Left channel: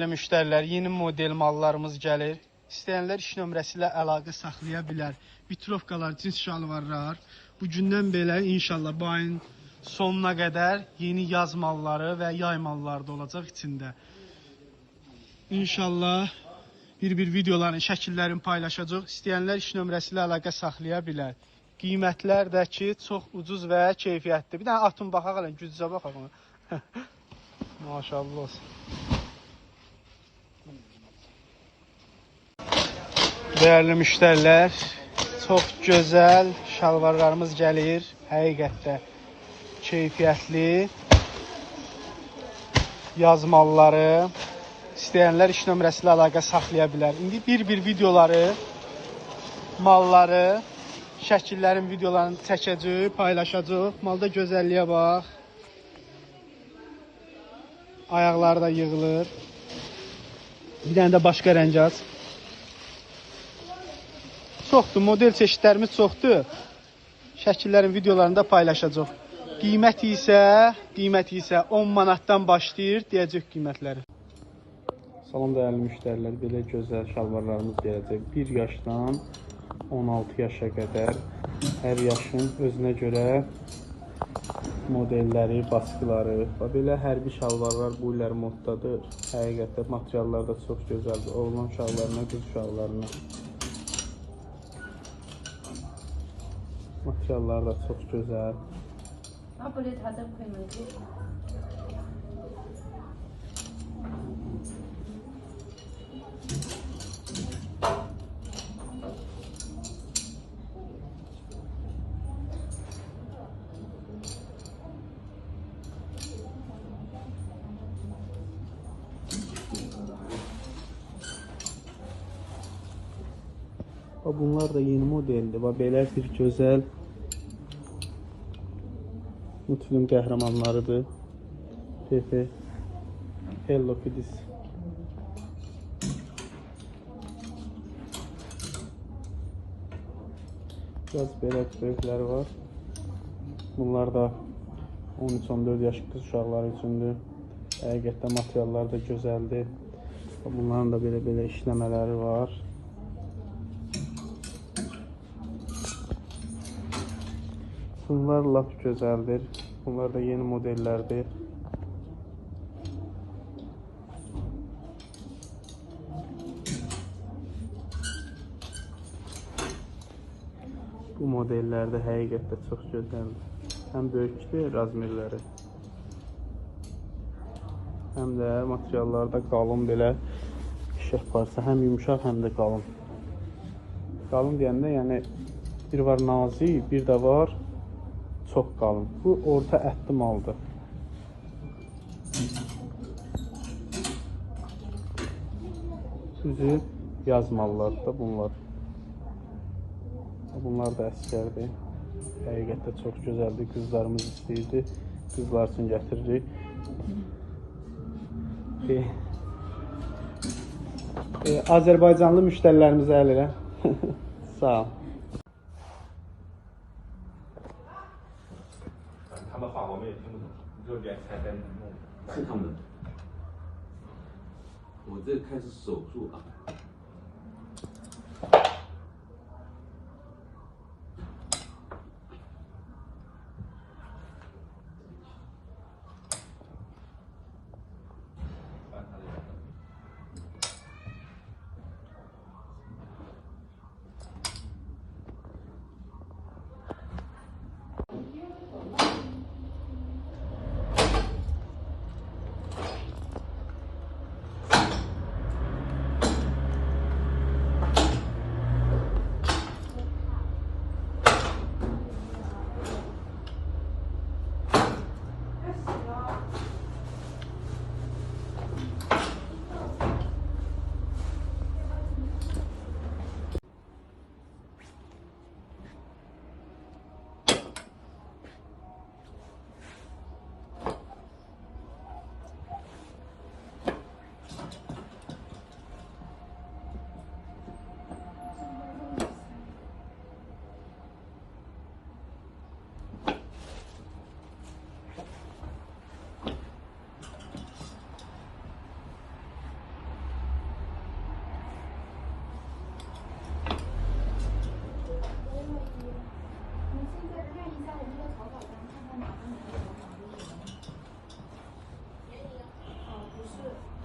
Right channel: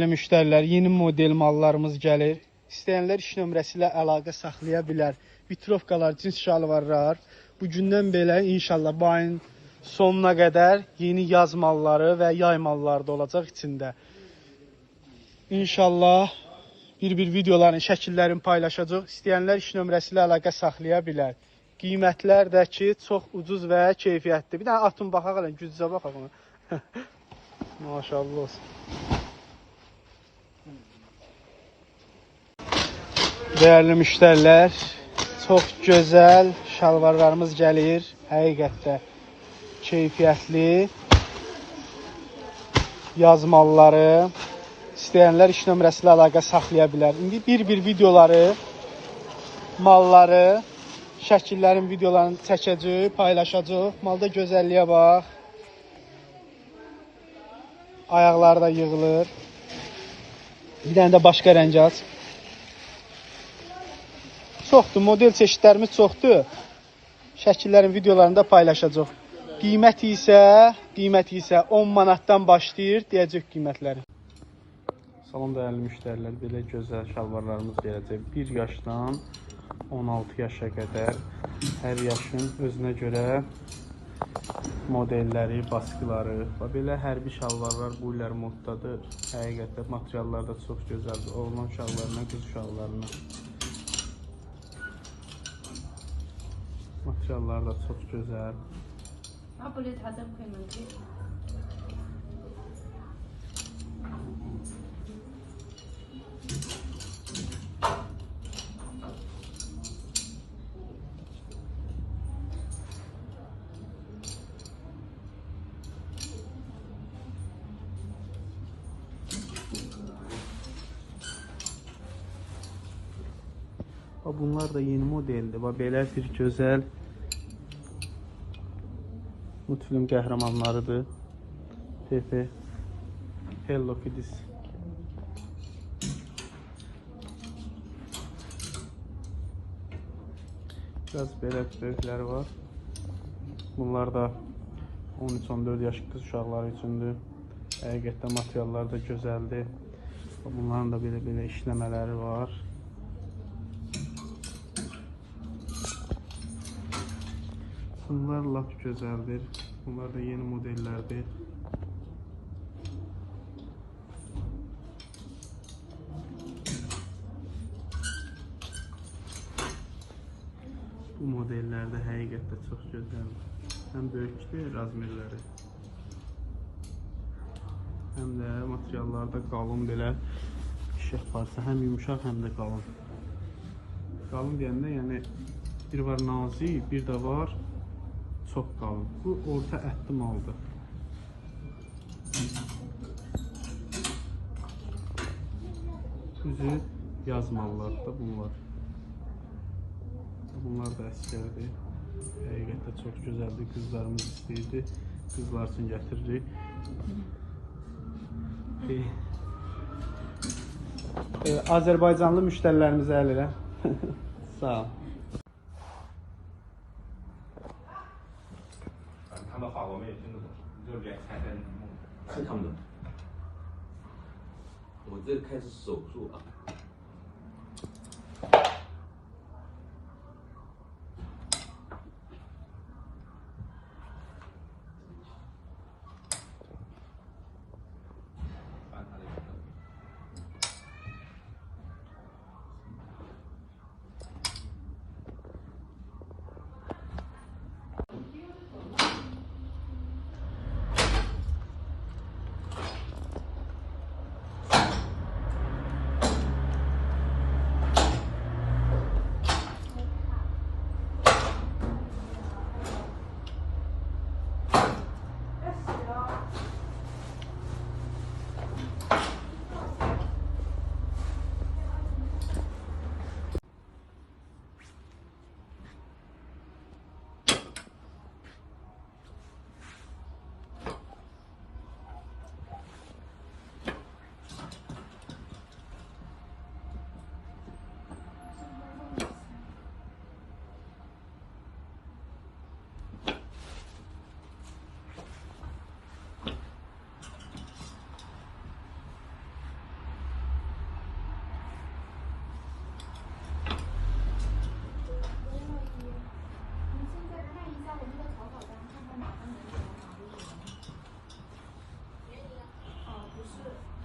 Müştərilər, yeni model mallarımız gəlir. İstəyənlər iş nömrəsi ilə əlaqə saxlaya bilər. Vitrovkalar, cins şalvarlar. Bugündən belə inşallah bu ayın sonuna qədər yeni yaz malları və yay malları da olacaq içində. İnşallah bir videoların, şəkillərini paylaşacaq. İstəyənlər iş nömrəsi ilə əlaqə saxlaya bilər. Qiymətlər də ki, çox ucuz və keyfiyyətli. Bir dənə atın baxaq, gücüzə baxaq. Maşallah olsun. Değerli müşteriler, çok güzel şalvarlarımız gəlir. Həqiqətdə keyfiyyətli yaz malları. İstəyənlər iş nömrəsi ilə əlaqə saxlaya bilər. İndi bir videoları, malları, şəkillərin videolarını çəkəcək, paylaşacaq. Malda gözəlliyə bax. Ayaqları da yığılır. Bir dənə də başqa rəng aç. Çoxdur, model çeşitlərimiz çoxdur. Şəkillərin videolarını da paylaşacaq. Qiyməti isə 10 manatdan başlayır deyəcək qiymətləri. Salam dəyərli müştərilər, belə gözəl şalvarlarımız gələcək. 1 yaşdan 16 yaşa qədər hər yaşın özünə görə modelləri, baskıları və belə hərbi şalvarlar bu illər moddadır. Həqiqətdə materiallar da çox gözəldir. Oğlan uşaqlarına, qız uşaqlarına. Materiallar da çok güzel. Bunlar da yeni modeldir və belə bir gözəl multfilm qəhrəmanlarıdır. Pepe, Hello Kitty. Biraz belə böyükləri var. Bunlar da 13-14 yaş qız uşaqları üçündür. Həqiqətən materiallar da gözəldir. Bunların da belə işləmələri var. Bunlar lap gözəldir. Bunlar da yeni modellərdir. Bu modellər də həqiqətdə çox gözəldir. Həm böyükdür razmerləri. Həm də materiallarda qalın belə işıq parça. Həm yumuşaq, həm də qalın. Qalın deyəndə, yəni bir var nazik, bir də var çox qalın. Bu orta ətli maldır. Üzü yaz mallardır da bunlar. Bunlar da əskərdir. Həqiqətdə çox gözəldir. Qızlarımız istəyirdi. Qızlar üçün gətiririk. Azərbaycanlı müştərilərimizə əl elə. Sağ ol. 他们话我们也听不懂，就脸才在是他们。我这开始手术啊。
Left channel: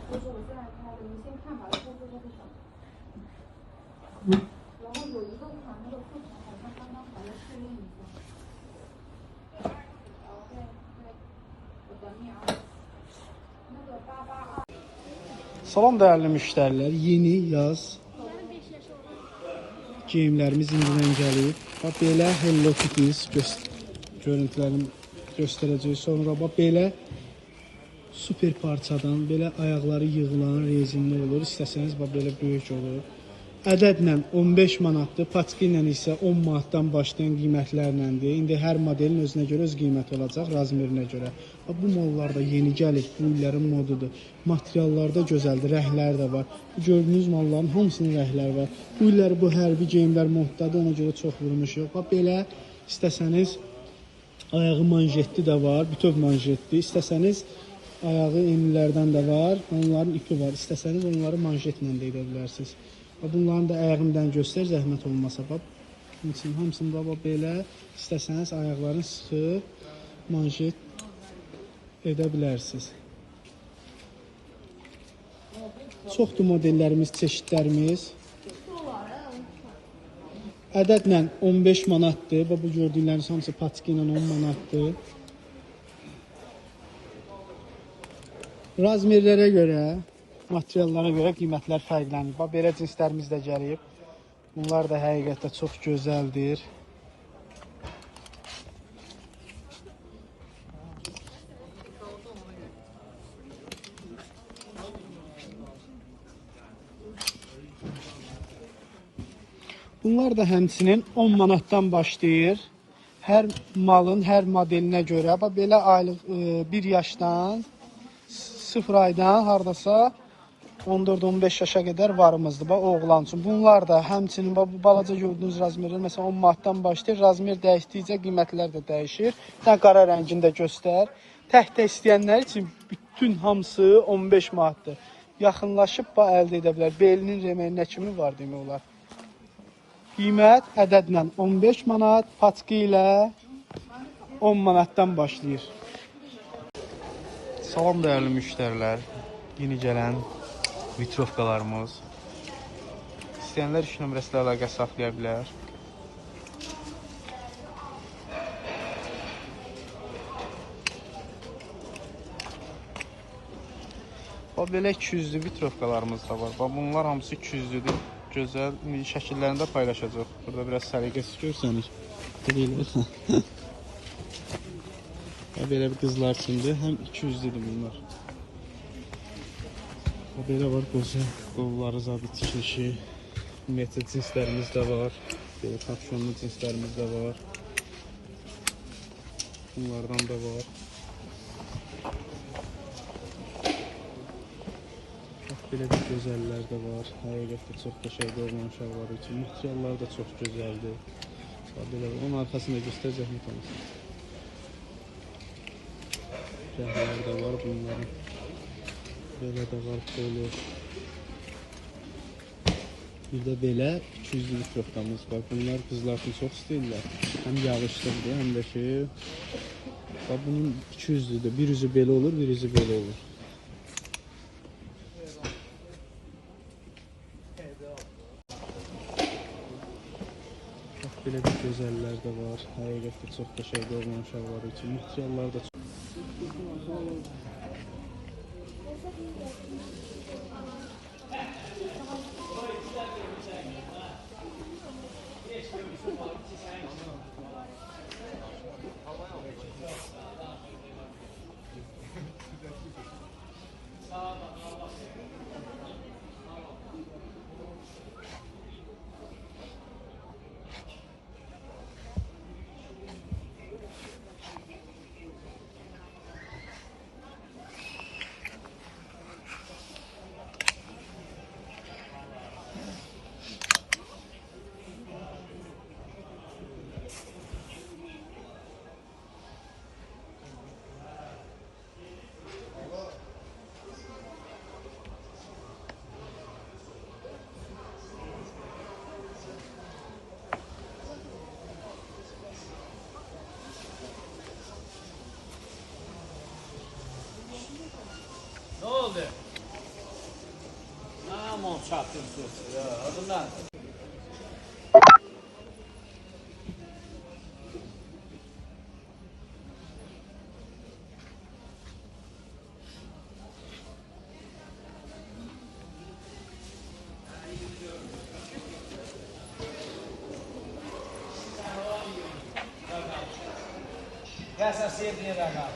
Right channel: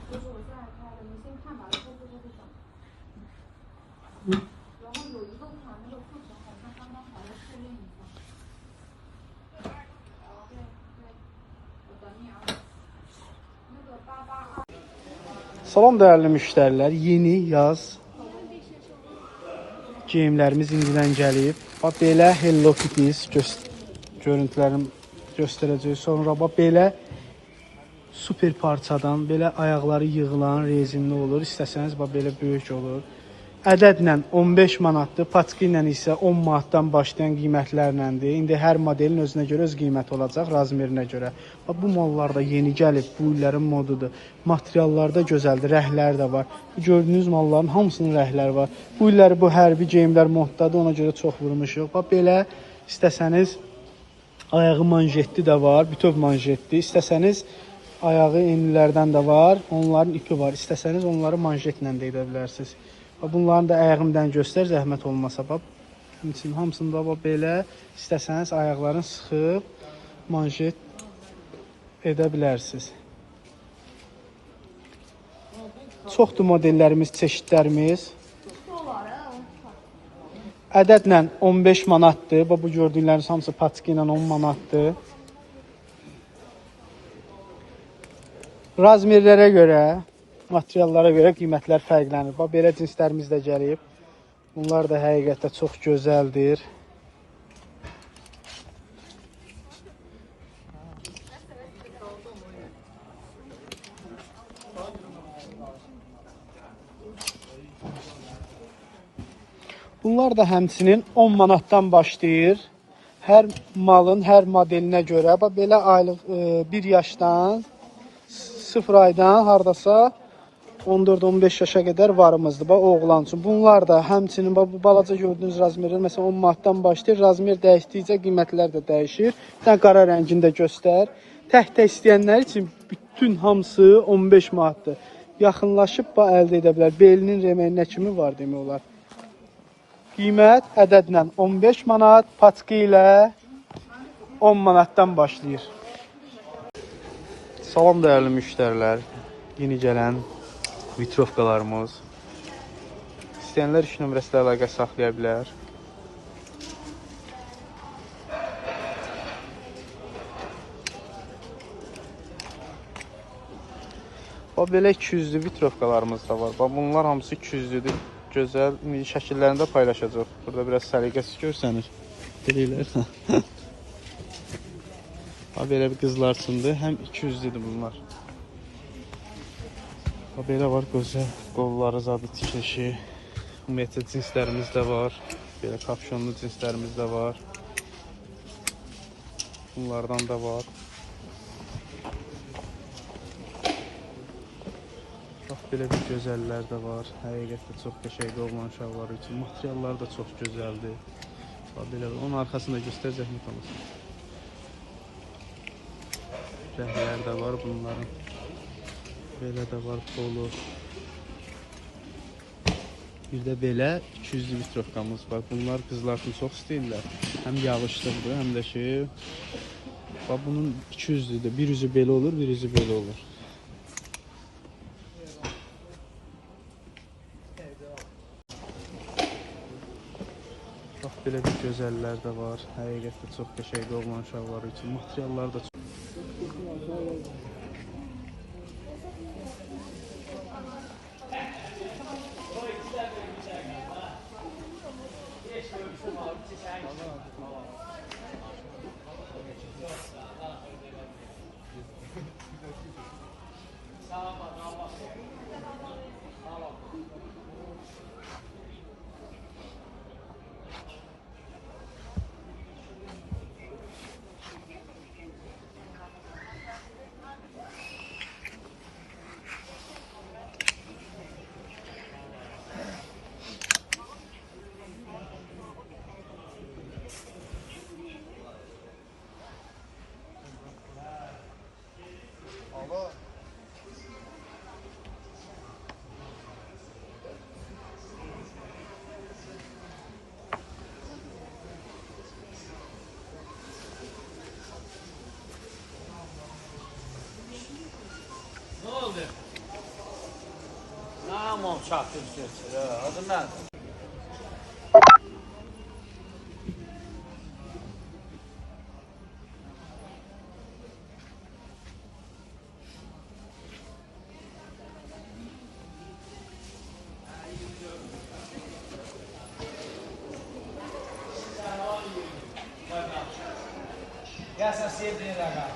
就是我现在开的，你先看吧，然后最后会上。然后有一个款那个库存好像刚刚好要试用一下。对对，我等你啊。那个882。Salam değerli müştərilər, yeni yaz geyimlərimiz indidən gəlib. Bax belə Hello Kitties görüntülərini göstərəcək. Sonra bax belə super parçadan, belə ayaqları yığılan rezinli olur. İstəsəniz bax belə böyük olur. Ədədlə 15 manatdır, paçka ilə isə 10 manatdan başlayan qiymətlərləndir. İndi hər modelin özünə görə öz qiyməti olacaq, razmerinə görə. Bu mallar da yeni gəlib, bu illərin modudur. Materiallar da gözəldir, rəhlər də var. Gördüyünüz malların hamısının rəhləri var. Bu illəri bu hərbi geyimlər moddadır, ona görə çox vurmuşuq. Bax belə istəsəniz ayağı manjetli də var, bütöv manjetli. İstəsəniz ayağı enlilərdən də var, onların ipi var. İstəsəniz onları manjetlə də edə bilərsiniz. Bunların da ayağımdan göstər, zəhmət olmasa. Hamısında belə istəsəniz ayaqlarını sıxıb manjet edə bilərsiniz. Çoxdur modellərimiz, çeşidlərimiz. Ədədlə 15 manatdır. Bu gördükləriniz hamısı paçka ilə 10 manatdır. Razmerlərə görə, materiallara görə qiymətlər fərqlənir. Bax, belə cinslərimiz də gəlib. Bunlar da həqiqətdə çox gözəldir. Bunlar da həmçinin 10 manatdan başlayır. Hər malın, hər modelinə görə. Bax, belə aylıq 1 yaşdan 0 aydan hardasa 14-15 yaşa qədər varımızdır. Bax, oğlan üçün. Bunlar da həmçinin bu balaca gördüyünüz razmerlər məsələn 10 manatdan başlayır. Razmer dəyişdikcə qiymətlər də dəyişir. Sən qara rəngində göstər. Tək-tək istəyənlər üçün bütün hamısı 15 manatdır. Yaxınlaşıb əldə edə bilər. Belinin reməyinə kimi var demək olar. Qiymət ədədlə 15 manat, paçka ilə 10 manatdan başlayır. Salam dəyərli müştərilər, yeni gələn mikroskalarımız. İstəyənlər 2 nömrəsilə əlaqə saxlaya bilər. Belə 200'lü mikroskalarımız da var. Bunlar hamısı 200'lüdür. Gözəl şəkillərində paylaşacaq. Burada biraz səliqəsiz görsəniz. Belə bir qızlar üçündür. Həm 200'lüdür bunlar. Belə var gözəl qolları, zabit tikilişi. Ümumiyyətlə cinslərimiz də var. Belə kapşonlu cinslərimiz də var. Bunlardan da var. Belə bir gözəllər də var. Həqiqətdə çox qəşəngdir oğlan uşaqları üçün. Materiallar da çox gözəldir. Belə onun arxasında göstərəcək mi tanış? Rəhlər də var bunların. Belə də var polo. Bir də belə 200'lü mikrokamız var. Bunlar qızlar üçün çox istəyirlər. Həm yağışlıqdır, həm də bunun 200'lüdür. Bir üzü belə olur, bir üzü belə olur. Belə bir gözəllər də var. Həqiqətdə çox qəşəngdir oğlan uşaqları üçün. Materiallar da çox. Tamam çatdırsın. Bundan. Ya sen sevdiğin adam.